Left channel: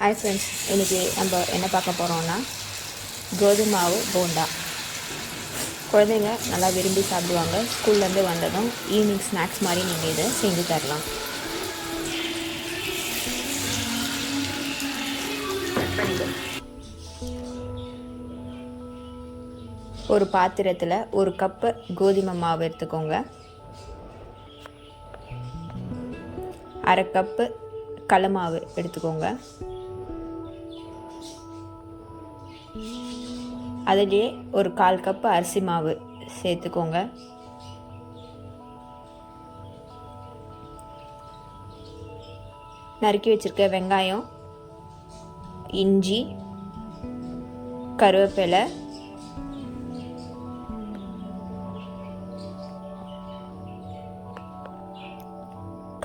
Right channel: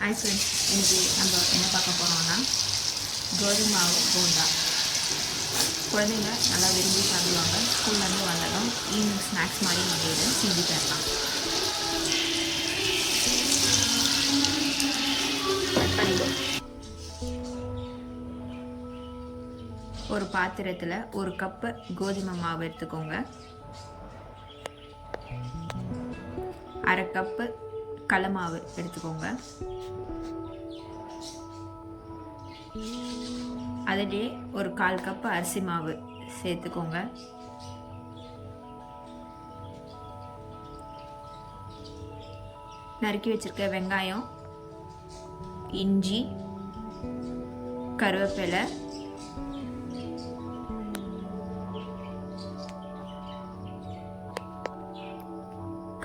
Hi friends, இன்றைக்கி நம்ம என்ன பார்க்க போகிறோம்னா கோதுமை மாவு போண்டா. குழந்தைங்க நல்லா விரும்பி சாப்பிடுவாங்க. ஸ்கூல்லேருந்து வந்ததும் ஈவினிங் ஸ்நாக்ஸ் மாதிரி நம்ம இதை செஞ்சு தரலாம். ஒரு பாத்திரத்தில் 1 கப்பு கோதுமை மாவு எடுத்துக்கோங்க. 1/2 கப்பு கடலை மாவு எடுத்துக்கோங்க. அதிலே ஒரு 1/4 கப்பு அரிசி மாவு சேர்த்துக்கோங்க. நறுக்கி வச்சிருக்க வெங்காயம், இஞ்சி, கருவேப்பிலை,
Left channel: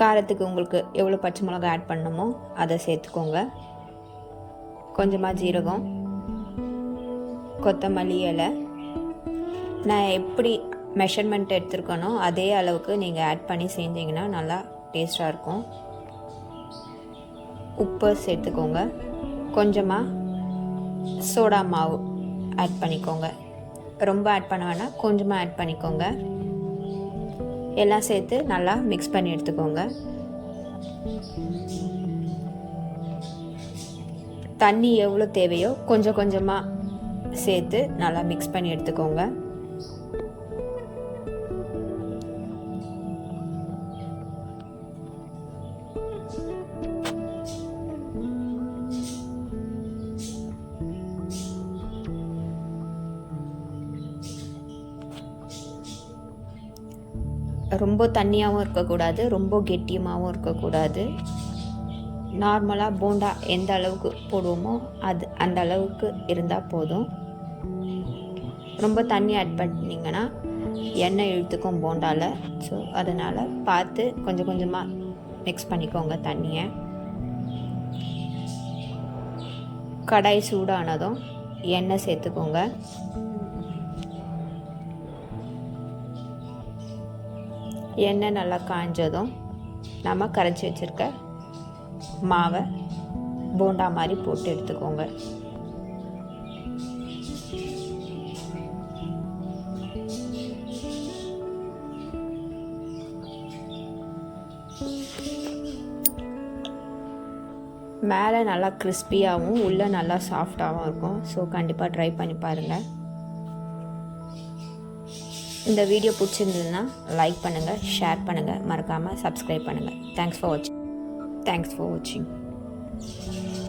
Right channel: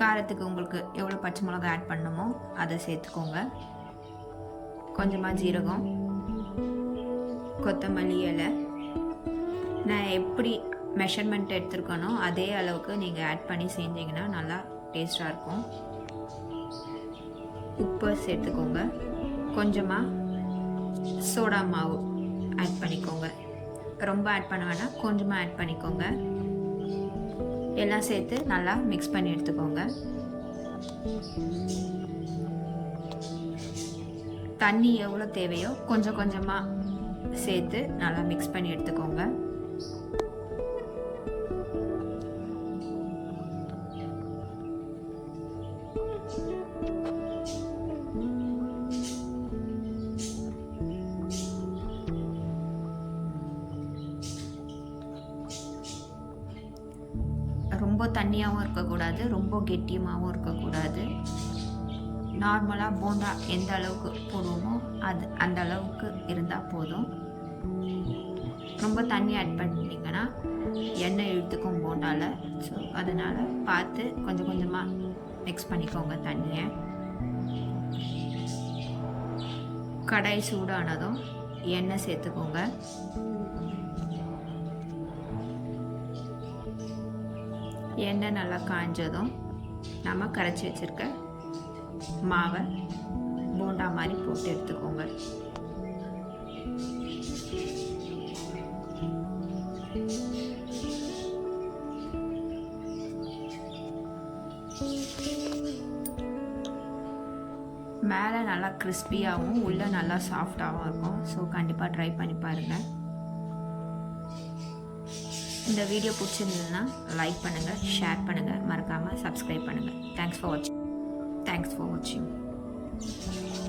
காரத்துக்கு உங்களுக்கு எவ்வளோ பச்சை மிளகாய் ஆட் பண்ணணுமோ அதை சேர்த்துக்கோங்க. கொஞ்சமாக ஜீரகம், கொத்தமல்லி இலை. நான் எப்படி மெஷர்மெண்ட் எடுத்துருக்கனோ அதே அளவுக்கு நீங்கள் ஆட் பண்ணி செஞ்சிங்கன்னா நல்லா டேஸ்ட்டாக இருக்கும். உப்பு சேர்த்துக்கோங்க. கொஞ்சமாக சோடா மாவு ஆட் பண்ணிக்கோங்க. ரொம்ப ஆட் பண்ண வேணாம், கொஞ்சமாக ஆட் பண்ணிக்கோங்க. எல்லாம் சேர்த்து நல்லா மிக்ஸ் பண்ணி எடுத்துக்கோங்க. தண்ணி எவ்வளோ தேவையோ கொஞ்சம் கொஞ்சமாக சேர்த்து நல்லா மிக்ஸ் பண்ணி எடுத்துக்கோங்க. ரொம்ப தண்ணியாகவும் இருக்கக்கூடாது, ரொம்ப கெட்டியமாகவும் இருக்கக்கூடாது. நார்மலாக போண்டா எந்த அளவுக்கு போடுவோமோ அந்த அளவுக்கு இருந்தால் போதும். ரொம்ப தண்ணி ஆட் பண்ணிங்கன்னா எண்ணெய் இழுத்துக்கும் போண்டாவில். ஸோ அதனால் பார்த்து கொஞ்சம் கொஞ்சமாக மிக்ஸ் பண்ணிக்கோங்க தண்ணியை. கடாய் சூடானதும் எண்ணெய் சேர்த்துக்கோங்க. எண்ணெய் நல்லா காஞ்சதும் நம்ம கரைச்சி வச்சுருக்க மாவை போண்டா மாதிரி போட்டு எடுத்துக்கோங்க. மேலே நல்லா கிறிஸ்பியாகவும் உள்ளே நல்லா சாஃப்டாகவும் இருக்கும். ஸோ கண்டிப்பாக ட்ரை பண்ணி பாருங்கள். இந்த வீடியோ பிடிச்சிருந்ததுன்னா லைக் பண்ணுங்கள், ஷேர் பண்ணுங்கள், மறக்காமல் சப்ஸ்கிரைப் பண்ணுங்கள். தேங்க்ஸ் ஃபார் வாட்சிங்.